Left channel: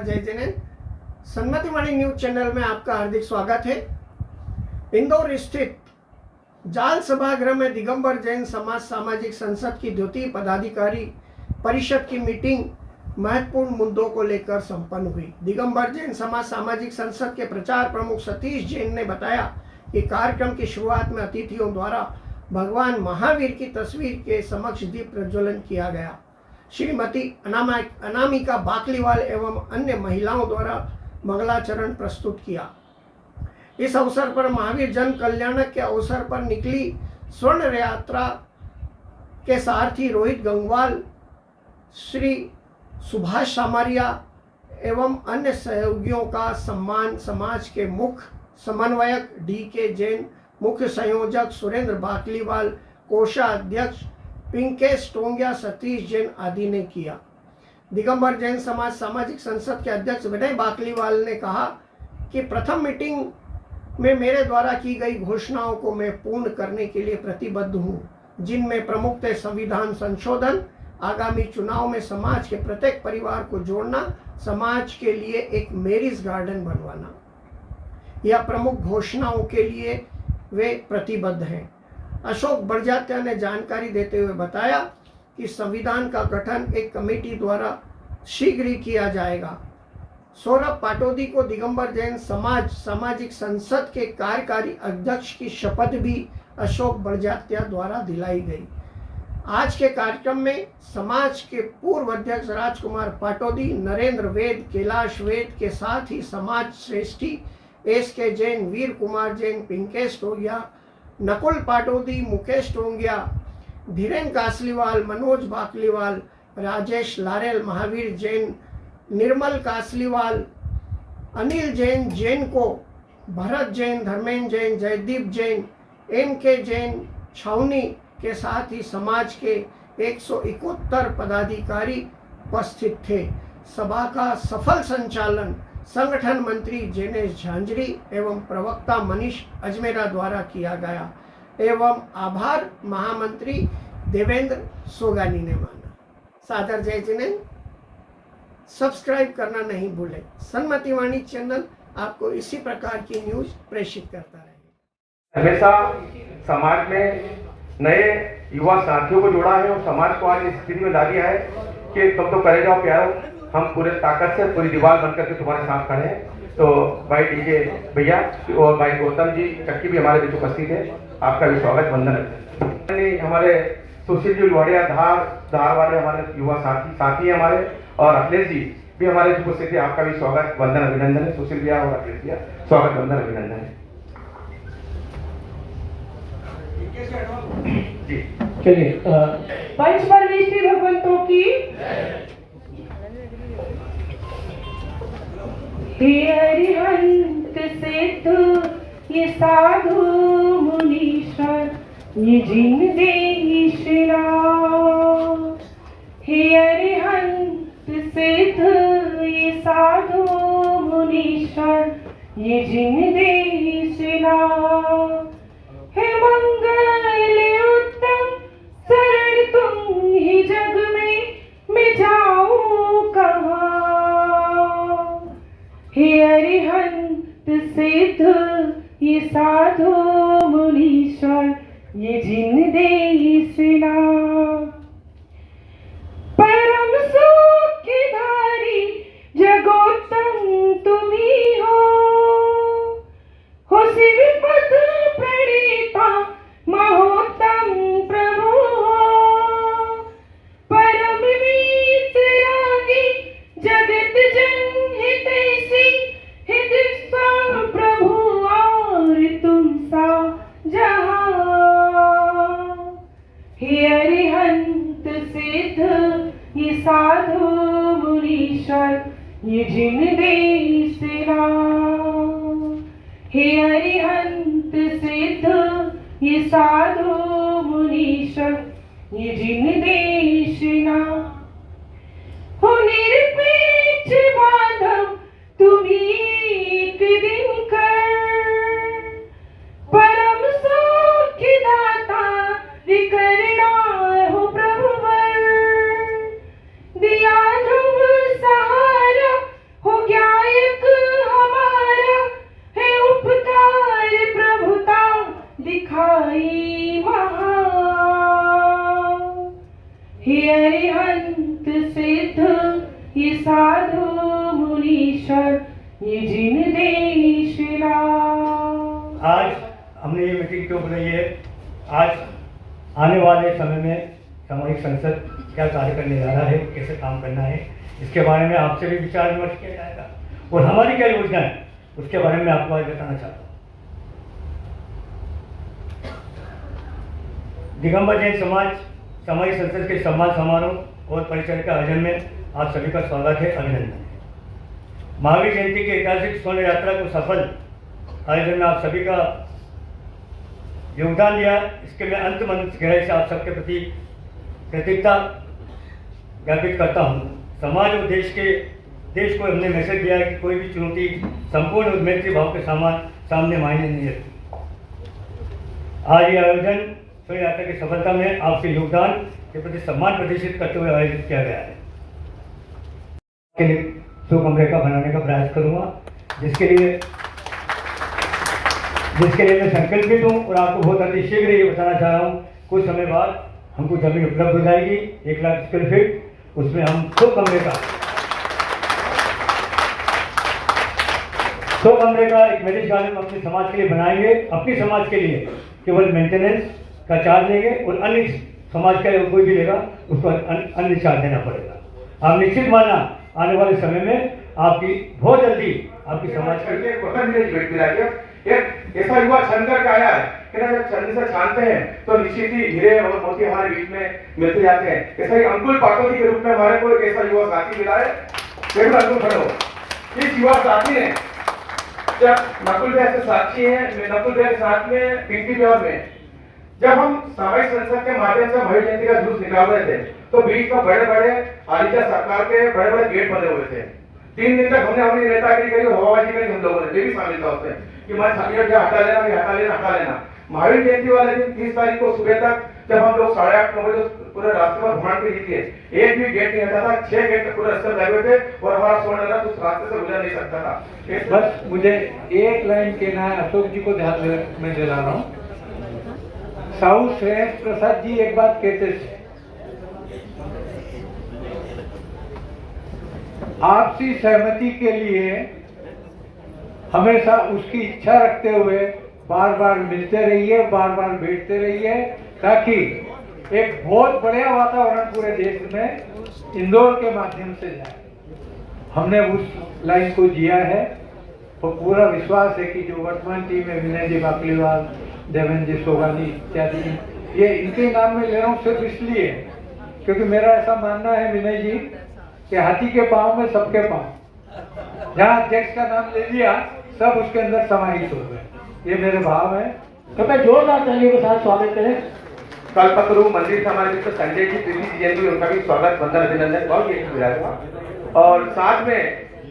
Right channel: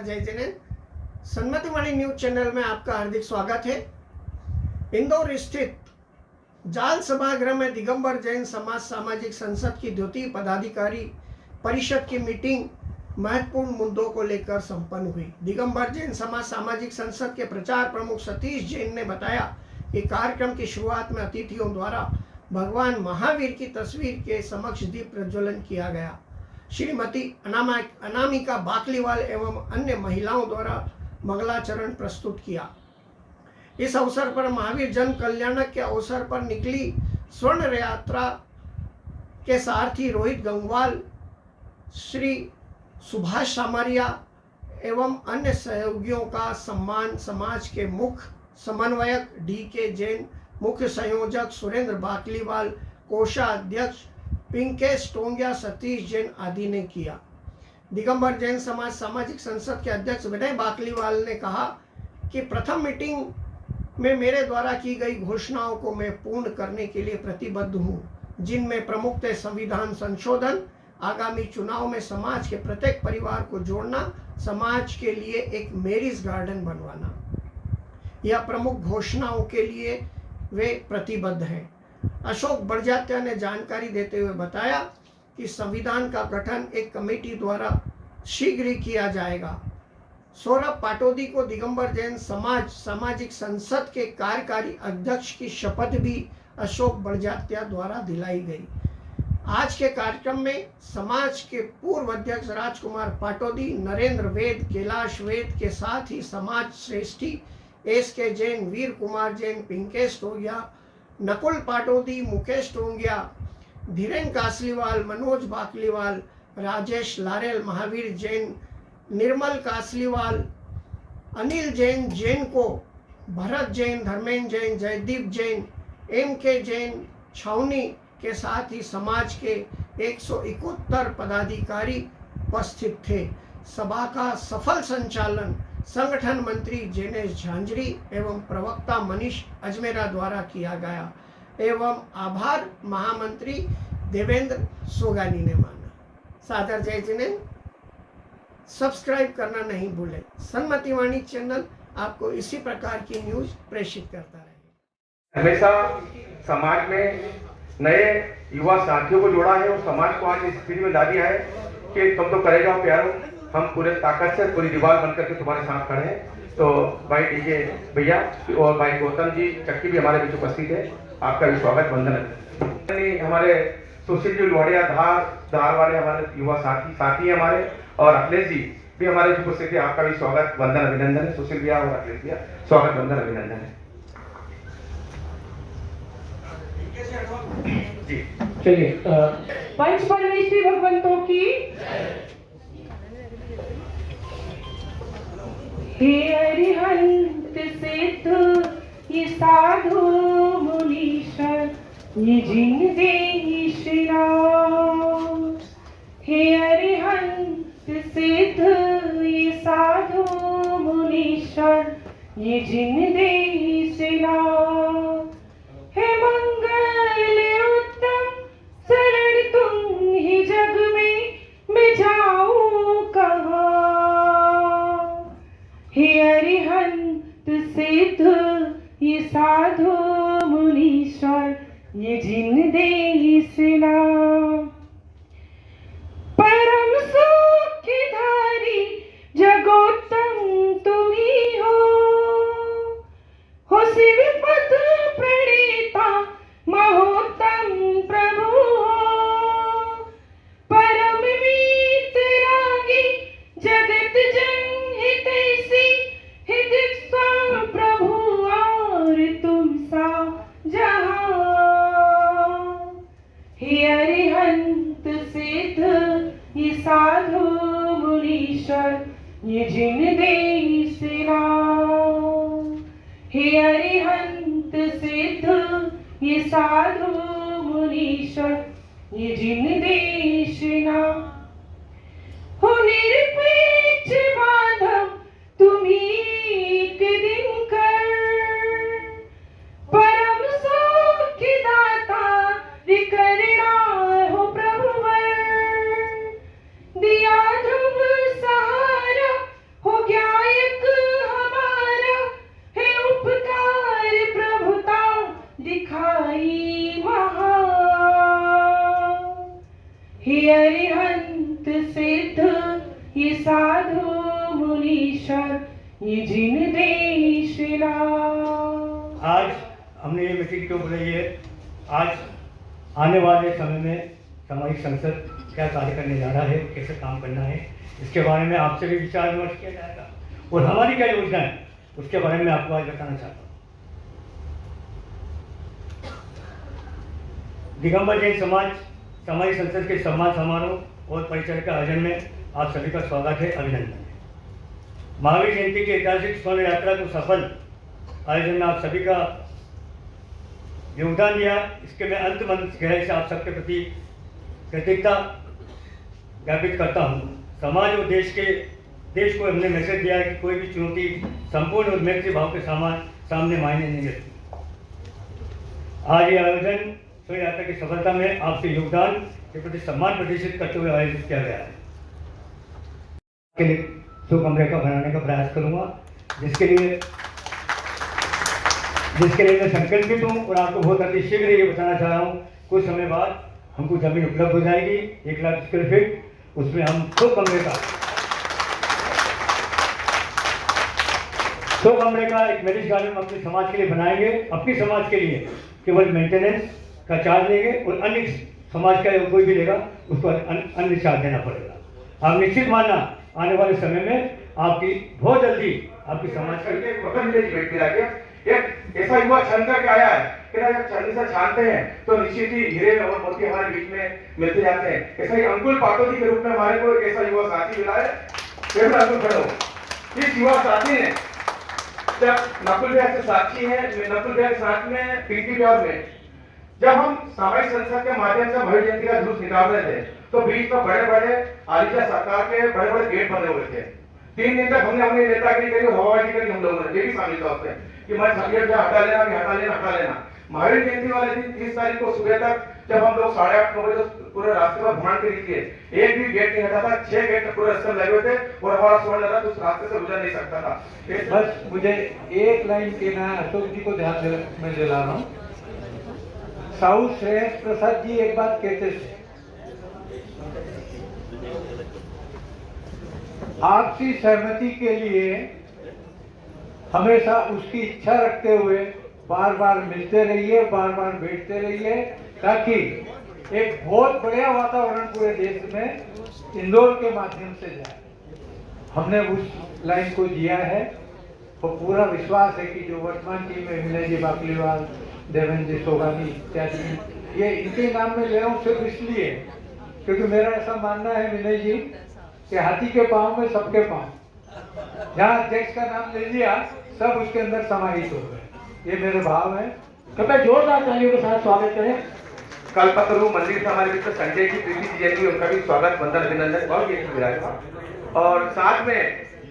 सादर जय Jinendra. सन्मतिवाणी news channel में आपका हार्दिक स्वागत है। इंदौर स्थित जाल सभागृह में दिगंबर जैन समाज सामाजिक संसद की द्वितीय पदाधिकारी परिषद की मीटिंग महत्वपूर्ण मुद्दों को लेकर संपन्न हुई। दिगंबर जैन समाज सामाजिक संसद के प्रचार प्रमुख सतीश जैन ने बताया कि कार्यक्रम की शुरुआत में अतिथियों द्वारा भगवान महावीर की तस्वीर के समक्ष दीप प्रज्वलन किया गया। श्रीमती अनामिका बाकलीवाल एवं अन्य महिलाओं द्वारा मंगलाचरण प्रस्तुत किया। इस अवसर पर महावीर जन कल्याणक के अवसर पर निकली स्वर्ण यात्रा के सारथी रोहित गंगवाल, श्री सुभाष सामरिया एवं अन्य सहयोगियों का सम्मान समाज के मुख्य समन्वयक DK जैन, मुख्य संयोजक सुरेंद्र बाकलीवाल, कोषाध्यक्ष पिंकेश टोंगिया, सतीश जैन आदि ने किया। दिगंबर जैन समाज सामाजिक संसद के अध्यक्ष विनय बाकलीवाल ने कहा कि प्रथम मीटिंग में मेरे द्वारा की गई घोषणाओं को मैं पूर्ण करने के लिए प्रतिबद्ध हूँ, जिनमें प्रमुख थे संविधान संशोधन, आगामी चुनाव में समाज के प्रत्येक परिवार को जोड़ना, समाज के लिए एक मैरिज गार्डन बनवाना। यह प्रमुख घोषणाओं के लिए वे प्रतिबद्ध हैं। अशोक बड़जात्या ने जानकारी देते हुए बताया कि संविधान का गठन एक कमेटी द्वारा शीघ्र ही किया जाएगा। सौरभ पाटोदी को दिगंबर जैन समाज सामाजिक संसद के कार्यकारी अध्यक्ष की शपथ भी अशोक बड़जात्या द्वारा दिलाई गई। आज के कार्यक्रम में समाज के पूर्व अध्यक्ष राजकुमार पाटोदी, नरेंद्र वेद, कैलाश वेद के साथ ही समाज श्रेष्ठी SK जैन, वीर कुमार जैन, पिंकेश टोंगिया, नकुल पाटोदी, मुकेश टोंगिया, धीरेन कासलीवाल, मनोज बाकलीवाल, राजेश लारेल, महावीर जैन, निर्मल कासलीवाल, अनिल जैन, जैन को, भरत जैन, धर्मेंद्र जैन, जयदीप जैन, MK जैन छावनी के साथ ही समाज के 171 पदाधिकारी उपस्थित थे। सभा का सफल संचालन संगठन मंत्री जैनेश झांझरी एवं प्रवक्ता मनीष अजमेरा द्वारा किया गया एवं आभार महामंत्री देवेंद्र सोगानी ने माना। सादर जय जिनेन्द्र। सब्सक्राइब करना नहीं भूलें। सन्मतिवाणी चैनल आपको इसी प्रकार की न्यूज प्रेषित करता रहे। हमेशा समाज में नए युवा साथियों को जोड़ा है और समाज को आज इस स्थिति में ला दिया है कि तुम तो करे जाओ प्यारो, हम पूरे ताकत से पूरी दीवार बनकर के तुम्हारे साथ खड़े हैं। तो भाई DJ भैया और भाई गौतम जी चक्की भी हमारे बीच उपस्थित है, आपका भी स्वागत, वंदन है। हमारे सुशील जी लोहाड़िया धार वाले हमारे युवा साथी हैं हमारे, और अखिलेश जी भी हमारे बीच उपस्थित है, आपका भी स्वागत, वंदन, अभिनंदन है। सुशील भैया और अखिलेश भैया स्वागत, वंदन, अभिनंदन है। चलिए पंच परमेश्वरी भगवंतों की। हे अरिहंत सिद्ध ये साधु मुनीश्वर ये जिन देशना। हे अरिहंत सिद्ध ये साधु मुनीश्वर ये जिन देशना। हे मंगल उत्तम शरण तुम ही जग में मैं जाऊं कहाँ। हे अरिहंत सिद्ध ये साधु मुनीश्वर ये जिन देशना। परम सुख की धारी जगोत्तम तुम ही हो शिव पद प्रणीता महोत्तम प्रभु हो। परम वीतरागी जगत जन हितैषी हित सा प्रभु और तुम सा जहाँ। हे अरिहंत सिद्ध ये साधु मुनीश्वर ये जिन देशना। हे अरिहंत सिद्ध ये साधु मुनीश्वर ये जिन देशना। हो निरपेक्ष बांधव तुम्ही एक दिन कर। परम सौख्य दाता विकरणा हो प्रभुवर। दिया ध्रुव सहारा हो हे अरिहंत सिद्ध ये साधु मुनीश्वर ये जिन देश लाभ। आज हमने ये मीटिंग क्यों बुलाई है? आज आने वाले समय में सामाजिक संसद क्या कार्य करने जा रहा है, कैसे काम करना है, इसके बारे में आपसे भी विचार विमर्श किया जाएगा और हमारी क्या योजना है उसके बारे में आपको आज बताना चाहता हूँ। दिगंबर जैन समाज सामाजिक संसद के सम्मान समारोह और परिचय के आयोजन में आप सभी का स्वागत है, अभिनंदन है। महावीर जयंती की ऐतिहासिक स्वर्ण यात्रा को सफल आयोजन में आप सभी का योगदान दिया, इसके मैं अंत मन गहराई से आप सबके प्रति कृतज्ञता ज्ञापित करता हूँ। समाज और देश को हमने मैसेज दिया है कि कोई भी चुनौती संपूर्ण और मैत्री भाव के सामने मायने नहीं रखती। आज ये आयोजन स्वर्ण यात्रा की सफलता में आपके योगदान के प्रति सम्मान प्रदर्शित करते हुए आयोजित किया गया है। के लिए 100 कमरे का बनाने का प्रयास करूँगा, जिसके लिए मैं संकल्पित हूँ और आपको बहुत अति शीघ्र ये बताना चाह रहा हूँ, कुछ समय बाद हमको जमीन उपलब्ध हो जाएगी 1 लाख स्क्वायर फीट, उसमें हम 100 कमरे का एक मैरिज गार्डन अपने समाज के लिए बनाएंगे। अपनी समाज के लिए केवल मेंटेनेंस का चार्ज लेंगे और अन्य समाज का कोई भी लेगा उसको अन्य चार्ज देना पड़ेगा। आप निश्चित मानना आने वाले समय में आपकी बहुत जल्दी आपकी समाज के एक ऐसा युवा छंद करके आया है कि ना, जब छंद से छानते हैं तो निश्चित ही हीरे और मोती हमारे बीच में मिलते जाते हैं। ऐसा ही अंकुल पाटोदी के रूप में हमारे को एक ऐसा युवा साथी मिला है। केवल अंकुल खड़े हो। इस युवा साथी ने जब नकुल भैया से साथी है, नकुल भैया के साथ में पिंकी ब्योर में जब हम सामाजिक संसद के माध्यम से महावीर जयंती का जुलूस निकाल रहे थे तो बीच में बड़े बड़े आलिशा सरकार के बड़े बड़े गेट बने हुए थे। 3 दिन तक हमने अपनी नेतागिरी करी, हवाबाजी करी, हम लोगों ने भी शामिल था उसमें कि मैं हटा लेना। महावीर जयंती वाले दिन 30 तारीख को सुबह तक जब हम लोग 8:30 बजे पूरे रास्ते पर भ्रमण के लिए एक भी गेट नहीं हटा था। 6 गेट तक पूरे रास्ते लगे हुए थे और हमारा स्वर्ण रथ उस रास्ते से गुजर नहीं सकता था। बस मुझे एक लाइन कहना है, अशोक जी को ध्यान में दिला रहा हूँ। साहू श्रेयस प्रसाद जी एक बात कहते थे, आपसी सहमति के लिए हमेशा उसकी इच्छा रखते हुए बार बार मिलते रहिए, बार बार बैठते रहिए, ताकि एक बहुत बढ़िया वातावरण पूरे देश में इंदौर के माध्यम से जाए। हमने उस लाइन को जिया है तो पूरा विश्वास है कि जो वर्तमान टीम है, विनय जी बाकलीवाल, देवेंद्र जी सोगानी इत्यादि, ये इनके नाम में ले रहा हूँ सिर्फ इसलिए क्योंकि मेरा ऐसा मानना है विनय जी कि हाथी के पाँव में सबके पाँव, जहाँ अध्यक्ष का नाम ले लिया सब उसके अंदर समाहित हो गए, ये मेरे भाव है। तो मैं जोरदार तालियों के साथ स्वागत करें। कल्पतरु मंदिर समाज मित्र संजय जी, प्रीति जी जयंती, उनका भी स्वागत, वंदन, अभिनंदन बहुत विराजमान। और साथ में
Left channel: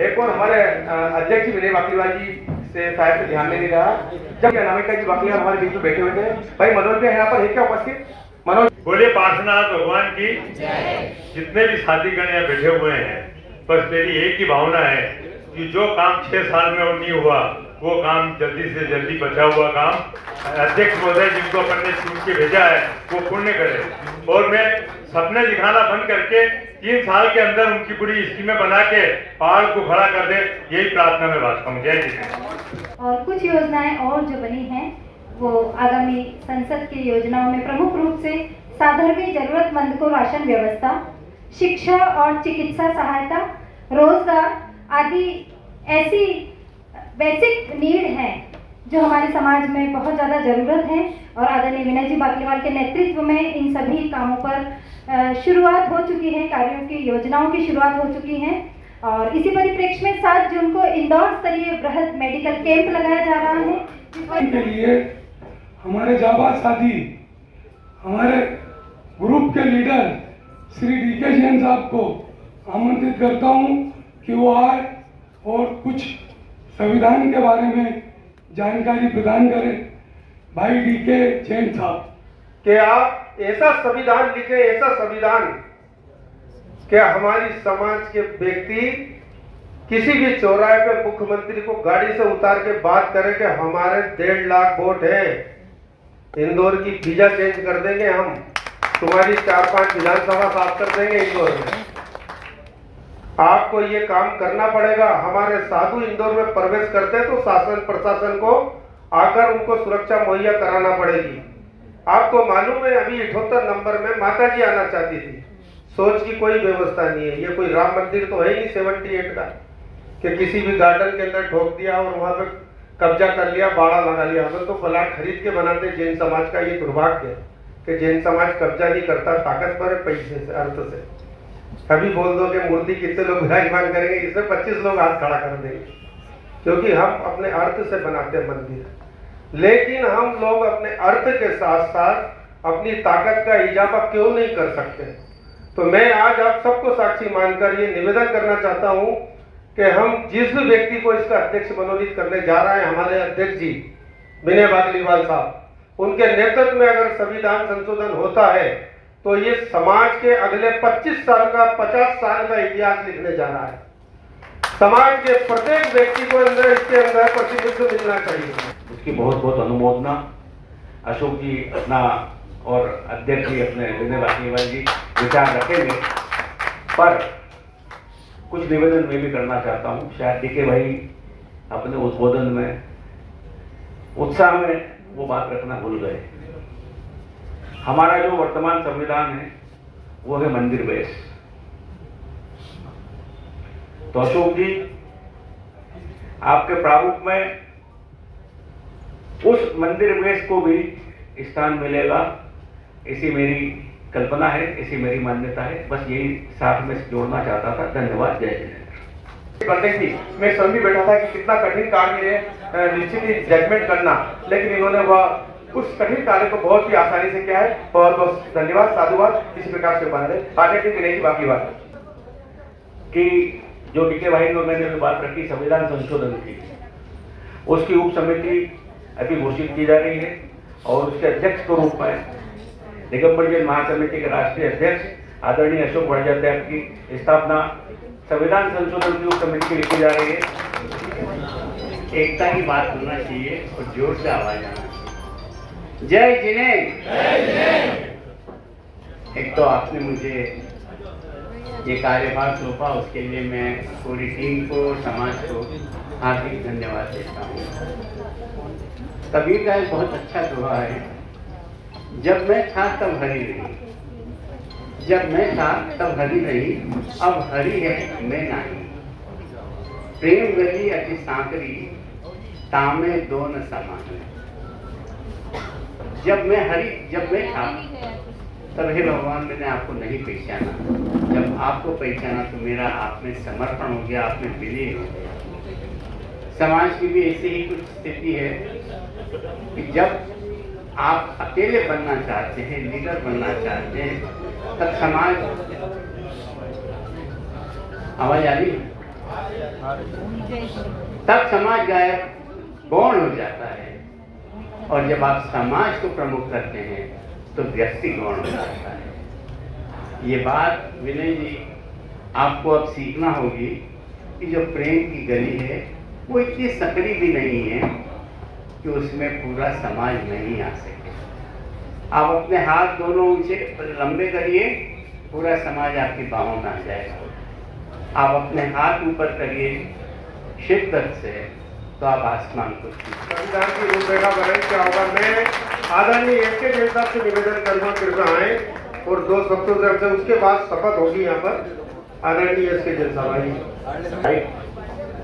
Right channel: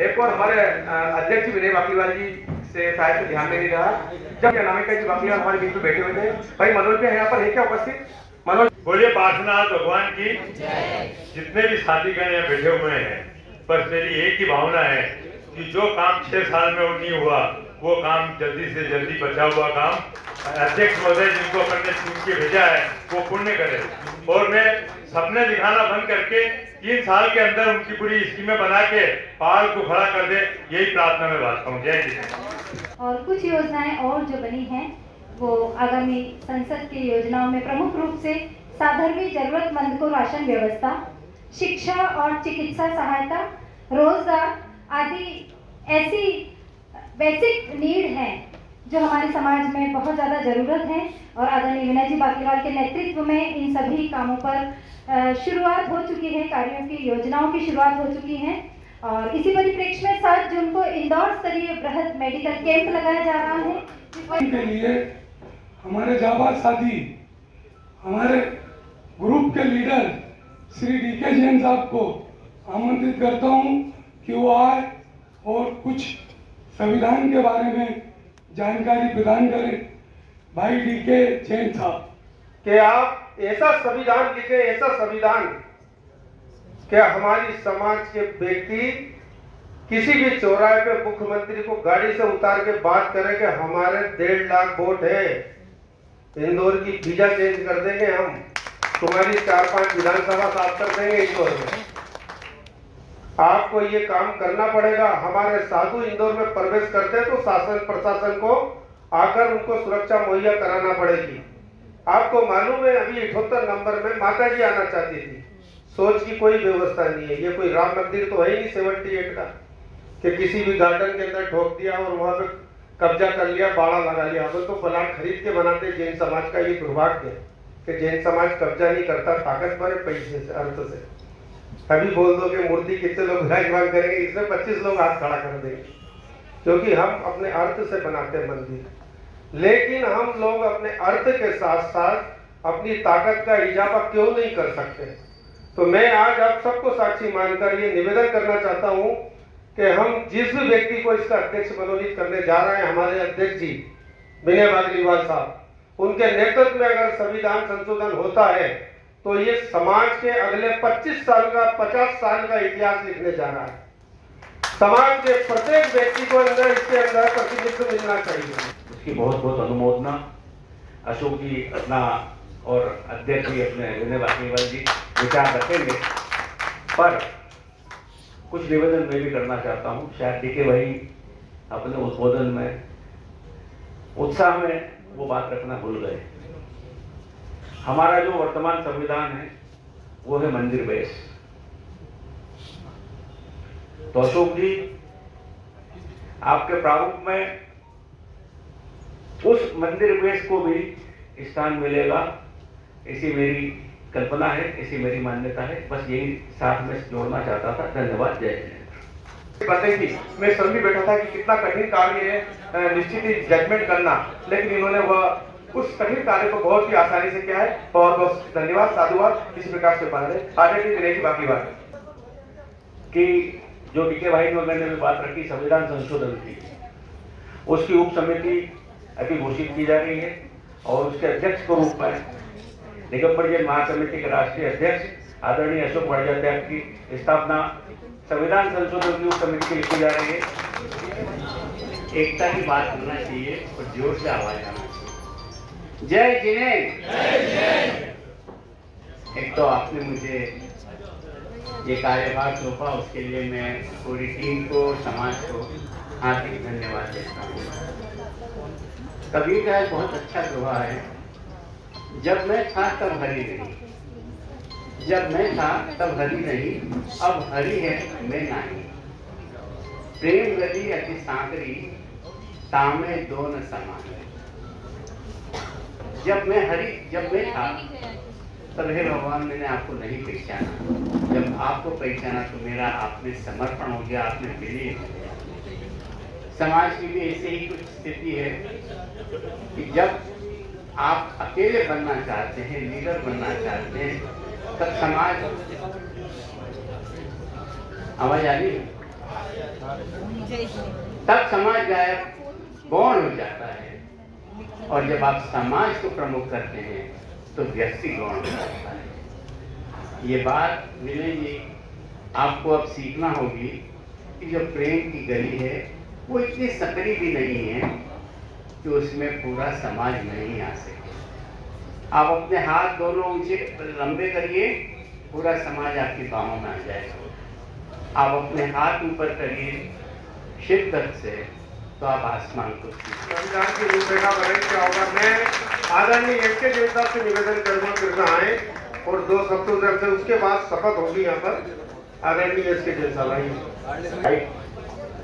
एक और हमारे अध्यक्ष विनय बाकलीवाल जी से शायद से ध्यान में नहीं रहा, जब अनामिका जी बाकलीवाल हमारे बीच में बैठे हुए थे। भाई मनोज जी यहाँ पर है क्या उपस्थित? मनोज बोले पार्श्वनाथ भगवान की। जितने भी साथीगण यहाँ बैठे हुए हैं, बस मेरी एक ही भावना है कि जो काम 6 साल में नहीं हुआ वो काम जल्दी से जल्दी बचा हुआ काम अध्यक्ष महोदय जिनको अपन ने चुन के भेजा है वो पूर्ण करे। और मैं सपने दिखाना बंद करके 3 साल के अंदर उनकी पूरी स्कीमें बना के पहाड़ को खड़ा कर दे, यही प्रार्थना में वास्ता हूँ। जय हिंद। और कुछ योजनाएं और जो बनी हैं वो आगामी संसद की योजनाओं में प्रमुख रूप से साधारण जरूरतमंद को राशन व्यवस्था, शिक्षा और चिकित्सा सहायता, रोजगार आदि ऐसी बेसिक नीड है जो हमारे समाज में बहुत ज़्यादा ज़रूरत है। और आदरणीय विनय जी बाकलीवाल के नेतृत्व में इन सभी कामों पर शुरुआत हो चुकी है, कार्यों की योजनाओं की शुरुआत हो चुकी है। और इसी परिप्रेक्ष्य में 7 जून को इंदौर स्तरीय बृहद मेडिकल कैंप लगाया जा रहा है। के लिए हमारे जाबाज साथी, हमारे ग्रुप के लीडर श्री DK जैन साहब को आमंत्रित करता हूं कि वो आए और कुछ संविधान के बारे में जानकारी प्रदान करें। भाई DK जैन साहब, कि आप ऐसा संविधान लिखे, ऐसा संविधान क्या हमारी समाज के व्यक्ति किसी भी चौराहे पे मुख्यमंत्री को गाड़ी से उतार के बात करें कि हमारे 1.5 लाख वोट है, इंदौर की वीजा चेंज कर देंगे हम, तुम्हारी 4-5 विधानसभा साफ कर देंगे इंदौर में। आपको ये काम करना पड़ेगा। हमारे साधु इंदौर में प्रवेश करते तो शासन प्रशासन को आकर उनको सुरक्षा मुहैया कराना पड़ेगी। आपको मालूम है अभी 78 नंबर में माता जी आना चाहती थी, सोच की कोई व्यवस्था नहीं है। ये कोई राम मंदिर तो है ही 78 का कि किसी भी गार्डन के अंदर ठोक दिया और वहां पे कब्जा कर लिया, बाड़ा लगा लिया। हम तो प्लाट खरीद के बनाते। जैन समाज का ये दुर्भाग्य है कि जैन समाज कब्जा नहीं करता, ताकतवर है पैसे से, अर्थ से। अभी बोल दो कि मूर्ति कितने लोग विराजमान करेंगे, इसमें 25 लोग हाथ खड़ा कर देंगे, क्योंकि हम अपने अर्थ से बनाते हैं मंदिर। लेकिन हम लोग अपने अर्थ के साथ साथ अपनी ताकत का इजाफा क्यों नहीं कर सकते? तो मैं आज आप सबको साक्षी मानकर ये निवेदन करना चाहता हूं कि हम जिस व्यक्ति को इसका अध्यक्ष मनोनीत करने जा रहे हैं, हमारे अध्यक्ष जी विनय बागलीवाल साहब, उनके नेतृत्व में अगर संविधान संशोधन होता है तो ये समाज के अगले 25 साल का 50 साल का इतिहास लिखने जा रहा है। समाज के प्रत्येक व्यक्ति को अंदर इसके अंदर प्रतिनिधित्व मिलना चाहिए। उसकी बहुत बहुत अनुमोदना। अशोक जी अपना और अध्यक्ष जी अपने विनय बागलीवाल जी विचार रखेंगे, पर कुछ निवेदन मैं भी करना चाहता हूँ। शायद डीके भाई अपने उद्बोधन में उत्साह में वो बात रखना भूल गए। हमारा जो वर्तमान संविधान है वो है मंदिर बेस। तो अशोक जी आपके प्रारूप में उस मंदिर बेस को भी स्थान मिलेगा, ऐसी मेरी कल्पना है, ऐसी मेरी मान्यता है। बस यही साथ में जोड़ना चाहता था। धन्यवाद। जय जय। मैं समझ भी बैठा था कि कितना कठिन कार्य है निश्चित ही जजमेंट करना, लेकिन इन्होंने वह उस कठिन कार्य को बहुत ही आसानी से किया है। बहुत बहुत धन्यवाद, साधुवाद। इसी प्रकार से बना रहे। आगे की गणेश बाकी बात कि जो डीके भाई ने मैंने बात रखी संविधान संशोधन की, उसकी उप समिति अभी घोषित की जा रही है और उसके अध्यक्ष के रूप में दिगंबर जैन महासमिति के राष्ट्रीय अध्यक्ष आदरणीय अशोक वाणिज्य की स्थापना संविधान संशोधन की उप समिति की लिखी जा रही है। एकता की बात होना चाहिए और जोर से आवाज आना। जय जिनेन्द्र। एक तो आपने मुझे ये कार्यभार सौंपा, उसके लिए मैं पूरी टीम को, समाज को हार्दिक धन्यवाद देता हूँ। कबीर का एक बहुत अच्छा दोहा है, जब मैं था तब हरि नहीं, जब मैं था तब हरि नहीं, अब हरि है मैं नहीं। प्रेम गली अति सांकरी, तामे दो न समान। जब मैं था तब हे भगवान मैंने आपको नहीं पहचाना, जब आपको पहचाना तो मेरा आप में समर्पण हो गया, आप में विलीन हो गया। समाज की भी ऐसी ही कुछ स्थिति है कि जब आप अकेले बनना चाहते हैं, लीडर बनना चाहते हैं, तब समाज आवाज आ रही है, तब समाज गायब गौण हो जाता है। और जब आप समाज को प्रमुख करते हैं तो व्यक्ति गौण हो जाता है। ये बात विनय जी आपको अब सीखना होगी कि जो प्रेम की गली है वो इतनी सकरी भी नहीं है कि उसमें पूरा समाज नहीं आ सके। आप अपने हाथ दोनों ऊंचे लंबे करिए, पूरा समाज आपकी बाहों में आ जाएगा। आप अपने हाथ ऊपर करिए शिद्दत से, तो आप आसमान को संविधान की रूपरेखा बने क्या होगा। मैं आदरणीय एस के साहब से निवेदन करूँगा फिर आए और 2 शब्दों से उसके बाद शपथ होगी यहाँ पर। आदरणीय एस के साहब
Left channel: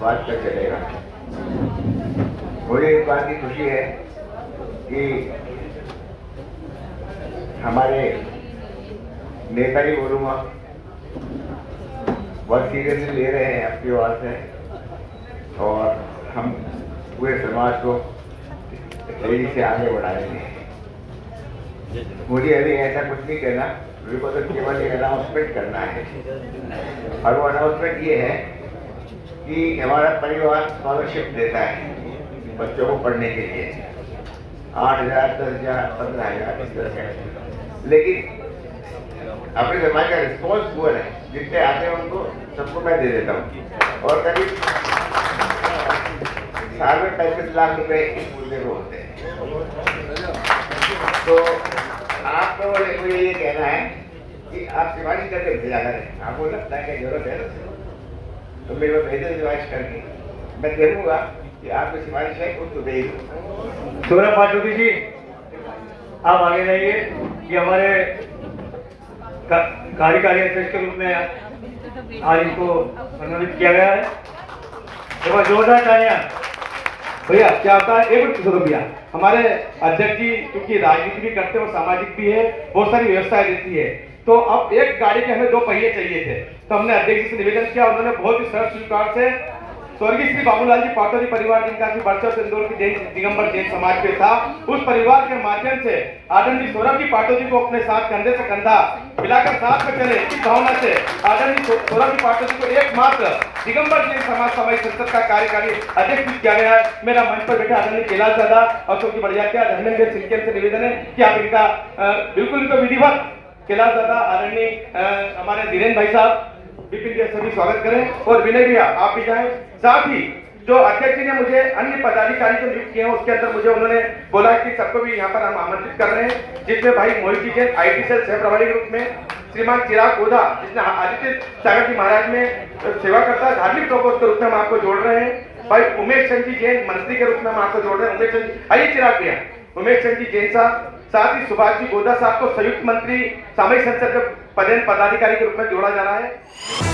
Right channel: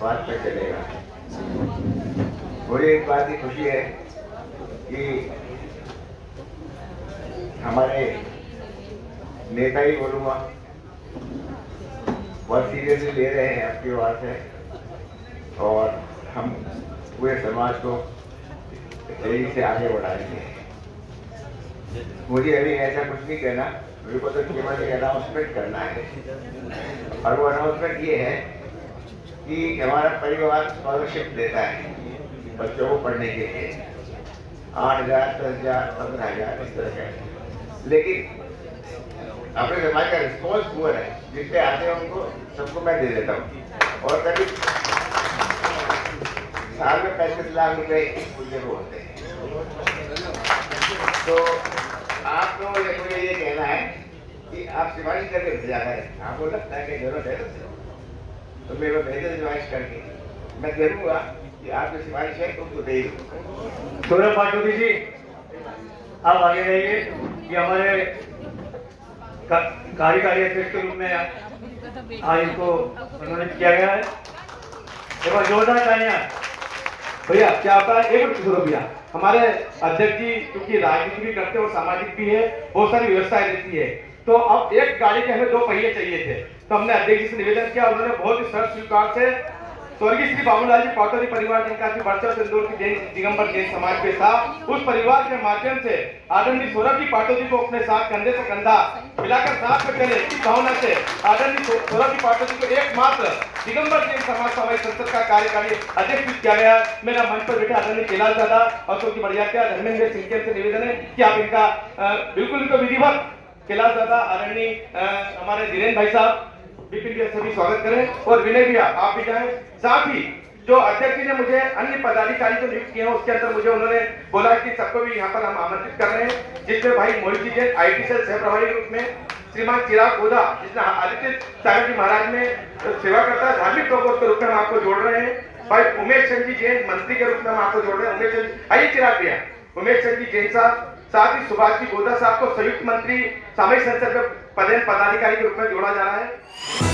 बात पर चलेगा। मुझे इस बात की खुशी है कि हमारे नेता ही बोलूँगा बहुत सीरियसली ले रहे हैं आपकी बात है, और हम पूरे समाज को तेजी से आगे बढ़ा रहे हैं। मुझे अभी ऐसा कुछ नहीं कहना, मेरे को तो केवल एक अनाउंसमेंट करना है, और वो अनाउंसमेंट ये है कि हमारा परिवार स्कॉलरशिप देता है बच्चों को पढ़ने के लिए 8,000, 10,000, 15,000 इस तरह से। लेकिन अपने समाज का रिस्पॉन्स पुअर है, जितने आते हैं उनको सबको मैं दे देता हूँ, और कभी साल में 35 लाख रुपए इस पूरे को होते हैं। तो आपको मुझे ये कहना है कि आप सिफारिश करके भेजा करें, आपको लगता है कि जरूरत है तो मेरे को भेजे सिफारिश करके, मैं देखूंगा कि आपकी सिफारिश है तो उसको दे दूँ। सौरभ पाटोदी जी, आप आगे रहिए कि हमारे कार्यकारी अध्यक्ष के रूप में आज इनको मनोनीत किया गया है। एक जोरदार तालियां। भैया क्या होता है, एक मिनट सुनो भैया, हमारे अध्यक्ष जी क्योंकि राजनीति भी करते हैं और सामाजिक भी है, बहुत सारी व्यवस्थाएं देती है, तो अब एक गाड़ी के हमें 2 पहिए चाहिए थे, तो हमने अध्यक्ष जी से निवेदन किया, उन्होंने बहुत ही सरल स्वीकार से स्वर्गीय श्री बाबूलाल जी पाटोदी परिवार जिनका की वर्चस्व इंदौर की दिगंबर जैन समाज पे था, उस परिवार के माध्यम से आदरणीय सौरभ जी पाटोदी को अपने साथ कंधे से कंधा मिलाकर साथ में चले, इस भावना से आदरणीय सौरभ जी पाटोदी को एकमात्र दिगंबर जैन समाज सामाजिक संसद का कार्यकारी अध्यक्ष किया गया है। मेरा मंच पर बैठे आदरणीय कैलाश दादा और सबकी बढ़िया क्या धर्मेंद्र सिंह से निवेदन है कि आप इनका बिल्कुल इनको विधिवत कैलाश दादा, आदरणीय हमारे धीरेन्द्र भाई साहब विपिन के सभी स्वागत करें और विनय भैया आप भी जाएं। साथ ही जो अध्यक्ष जी ने मुझे अन्य पदाधिकारी जो नियुक्त किए हैं उसके अंदर मुझे उन्होंने बोला कि सबको भी यहाँ पर हम आमंत्रित कर रहे हैं, जिसमें भाई मोहित जी जैन IT सेल सह प्रभारी के रूप में, श्रीमान चिराग गोदा जिसने आदित्य सागर जी महाराज में सेवा करता है धार्मिक प्रकोष्ठ के रूप में हम आपको जोड़ रहे हैं, भाई उमेश चंद जी जैन मंत्री के रूप में हम आपको जोड़ रहे हैं। उमेश चंद, आइए चिराग भैया, उमेश चंद जी जैन साहब, साथ ही सुभाष जी गोदा साहब को संयुक्त मंत्री सामाजिक संसद के पदाधिकारी के रूप में जोड़ा जा रहा है।